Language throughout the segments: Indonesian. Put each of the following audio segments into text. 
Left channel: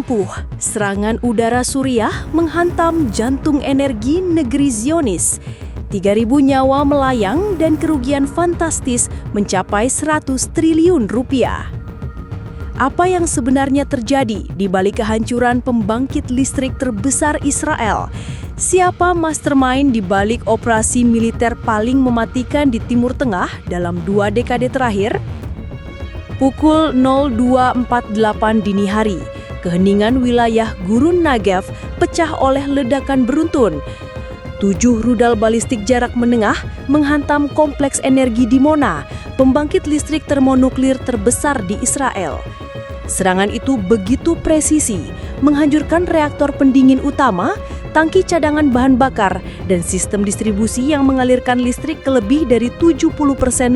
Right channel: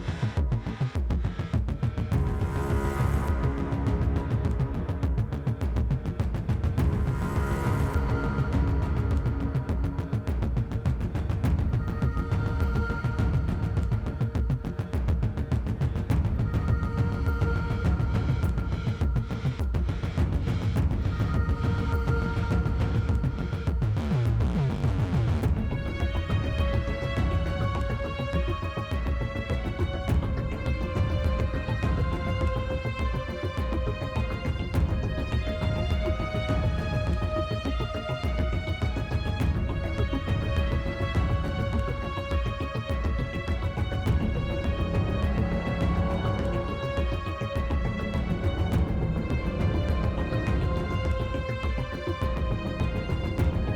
Lumpuh, serangan udara Suriah menghantam jantung energi negeri Zionis. 3.000 nyawa melayang dan kerugian fantastis mencapai 100 triliun rupiah. Apa yang sebenarnya terjadi di balik kehancuran pembangkit listrik terbesar Israel? Siapa mastermind di balik operasi militer paling mematikan di Timur Tengah dalam 2 dekade terakhir? Pukul 02.48 dini hari, keheningan wilayah Gurun Negev pecah oleh ledakan beruntun. 7 rudal balistik jarak menengah menghantam kompleks energi Dimona, pembangkit listrik termonuklir terbesar di Israel. Serangan itu begitu presisi, menghancurkan reaktor pendingin utama, tangki cadangan bahan bakar, dan sistem distribusi yang mengalirkan listrik ke lebih dari 70%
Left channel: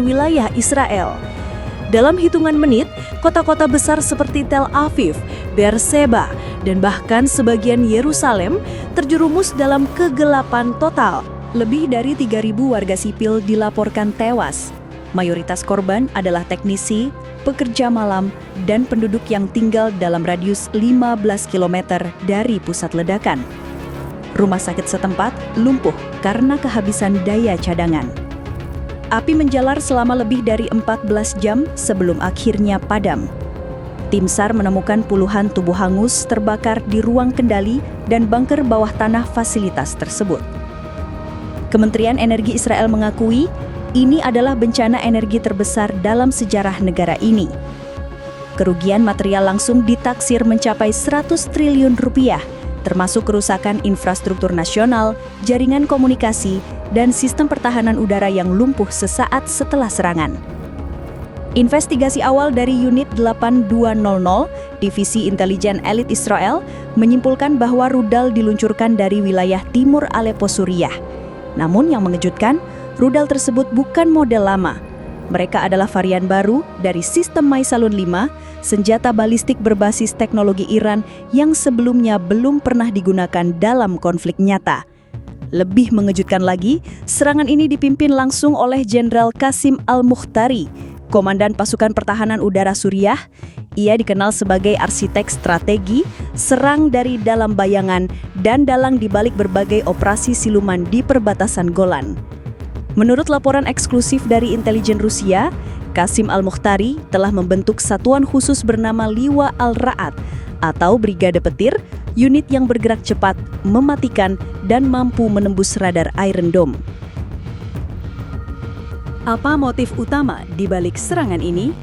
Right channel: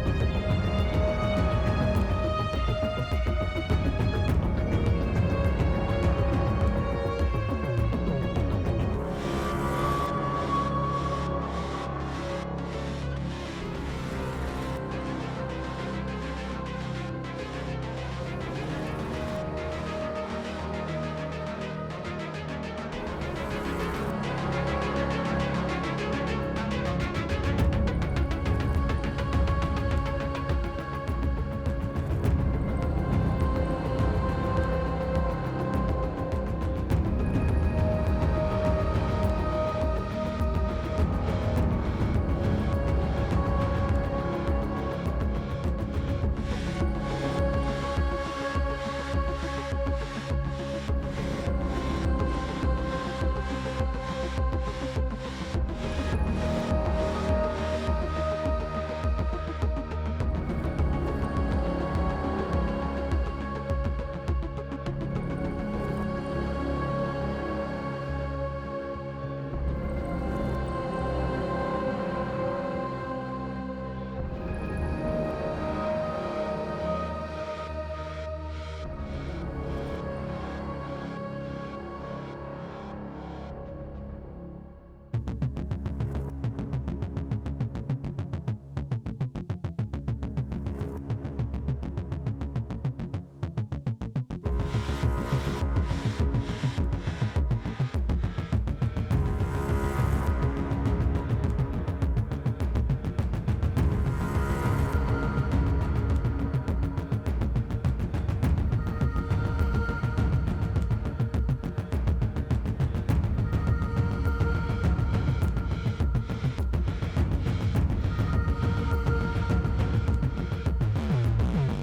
wilayah Israel. Dalam hitungan menit, kota-kota besar seperti Tel Aviv, Beersheba, dan bahkan sebagian Yerusalem terjerumus dalam kegelapan total. Lebih dari 3.000 warga sipil dilaporkan tewas. Mayoritas korban adalah teknisi, pekerja malam, dan penduduk yang tinggal dalam radius 15 km dari pusat ledakan. Rumah sakit setempat lumpuh karena kehabisan daya cadangan. Api menjalar selama lebih dari 14 jam sebelum akhirnya padam. Tim SAR menemukan puluhan tubuh hangus terbakar di ruang kendali dan bunker bawah tanah fasilitas tersebut. Kementerian Energi Israel mengakui ini adalah bencana energi terbesar dalam sejarah negara ini. Kerugian material langsung ditaksir mencapai 100 triliun rupiah, termasuk kerusakan infrastruktur nasional, jaringan komunikasi, dan sistem pertahanan udara yang lumpuh sesaat setelah serangan. Investigasi awal dari Unit 8200, Divisi Intelijen Elit Israel, menyimpulkan bahwa rudal diluncurkan dari wilayah timur Aleppo, Suriah. Namun yang mengejutkan, rudal tersebut bukan model lama. Mereka adalah varian baru dari sistem Maisalun 5, senjata balistik berbasis teknologi Iran yang sebelumnya belum pernah digunakan dalam konflik nyata. Lebih mengejutkan lagi, serangan ini dipimpin langsung oleh Jenderal Qasim Al-Mukhtari, Komandan Pasukan Pertahanan Udara Suriah. Ia dikenal sebagai arsitek strategi, serang dari dalam bayangan, dan dalang di balik berbagai operasi siluman di perbatasan Golan. Menurut laporan eksklusif dari intelijen Rusia, Qasim Al-Mukhtari telah membentuk satuan khusus bernama Liwa Al-Ra'ad atau Brigade Petir, unit yang bergerak cepat, mematikan, dan mampu menembus radar Iron Dome. Apa motif utama di balik serangan ini?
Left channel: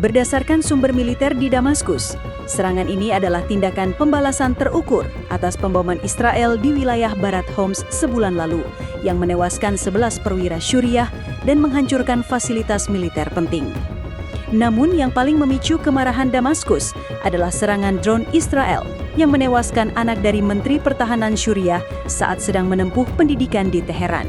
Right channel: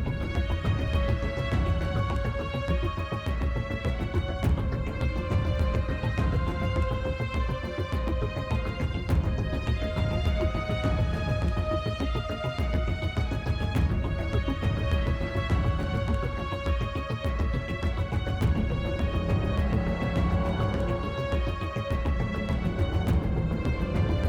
Berdasarkan sumber militer di Damaskus, serangan ini adalah tindakan pembalasan terukur atas pemboman Israel di wilayah barat Homs sebulan lalu, yang menewaskan 11 perwira Syuriah dan menghancurkan fasilitas militer penting. Namun yang paling memicu kemarahan Damaskus adalah serangan drone Israel yang menewaskan anak dari Menteri Pertahanan Syuriah saat sedang menempuh pendidikan di Teheran.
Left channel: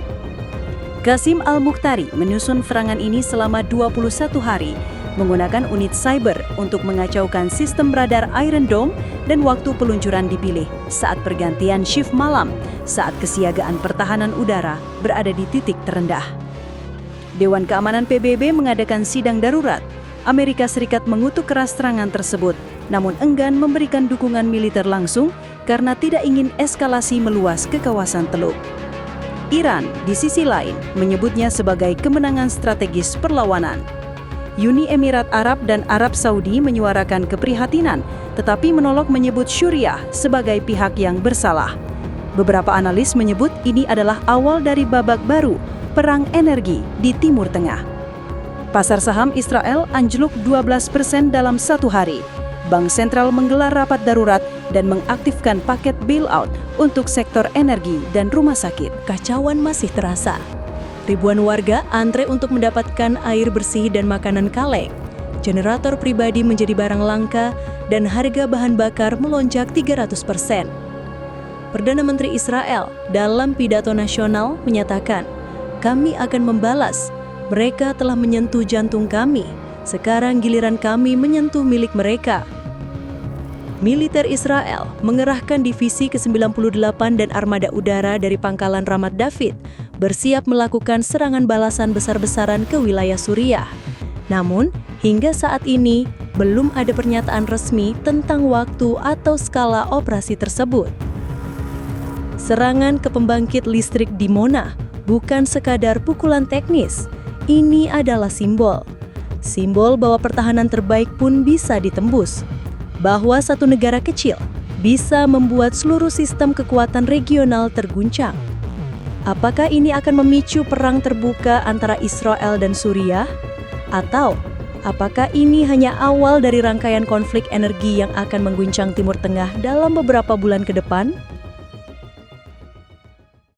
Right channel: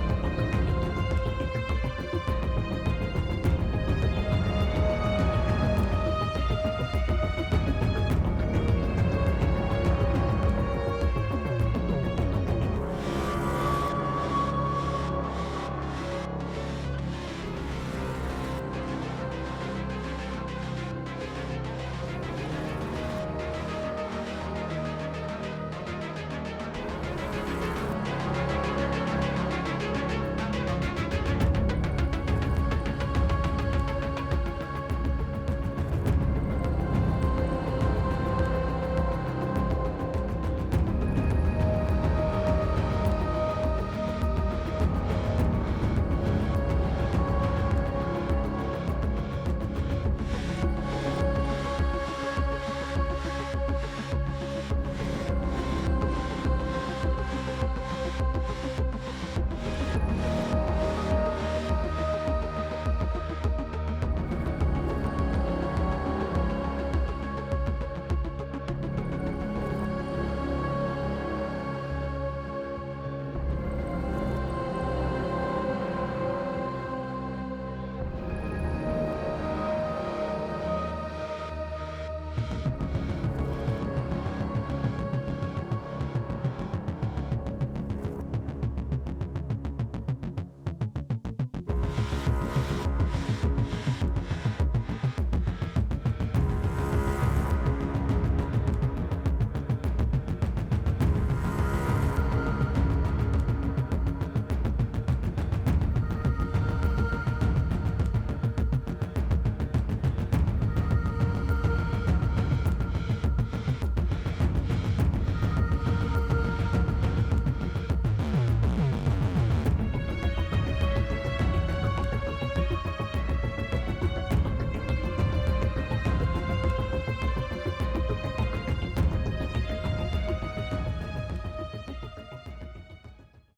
Qasim Al-Mukhtari menyusun serangan ini selama 21 hari, menggunakan unit cyber untuk mengacaukan sistem radar Iron Dome, dan waktu peluncuran dipilih saat pergantian shift malam saat kesiagaan pertahanan udara berada di titik terendah. Dewan Keamanan PBB mengadakan sidang darurat. Amerika Serikat mengutuk keras serangan tersebut, namun enggan memberikan dukungan militer langsung karena tidak ingin eskalasi meluas ke kawasan Teluk. Iran, di sisi lain, menyebutnya sebagai kemenangan strategis perlawanan. Uni Emirat Arab dan Arab Saudi menyuarakan keprihatinan, tetapi menolak menyebut Syuriah sebagai pihak yang bersalah. Beberapa analis menyebut ini adalah awal dari babak baru, perang energi di Timur Tengah. Pasar saham Israel anjlok 12% dalam satu hari. Bank sentral menggelar rapat darurat dan mengaktifkan paket bailout untuk sektor energi dan rumah sakit. Kacauan masih terasa. Ribuan warga antre untuk mendapatkan air bersih dan makanan kaleng. Generator pribadi menjadi barang langka dan harga bahan bakar melonjak 300%. Perdana Menteri Israel dalam pidato nasional menyatakan, "Kami akan membalas. Mereka telah menyentuh jantung kami. Sekarang giliran kami menyentuh milik mereka." Militer Israel mengerahkan divisi ke-98 dan armada udara dari pangkalan Ramat David, bersiap melakukan serangan balasan besar-besaran ke wilayah Suriah. Namun, hingga saat ini, belum ada pernyataan resmi tentang waktu atau skala operasi tersebut. Serangan ke pembangkit listrik di Mona bukan sekadar pukulan teknis, ini adalah simbol. Simbol bahwa pertahanan terbaik pun bisa ditembus, bahwa satu negara kecil bisa membuat seluruh sistem kekuatan regional terguncang. Apakah ini akan memicu perang terbuka antara Israel dan Suriah? Atau apakah ini hanya awal dari rangkaian konflik energi yang akan mengguncang Timur Tengah dalam beberapa bulan ke depan?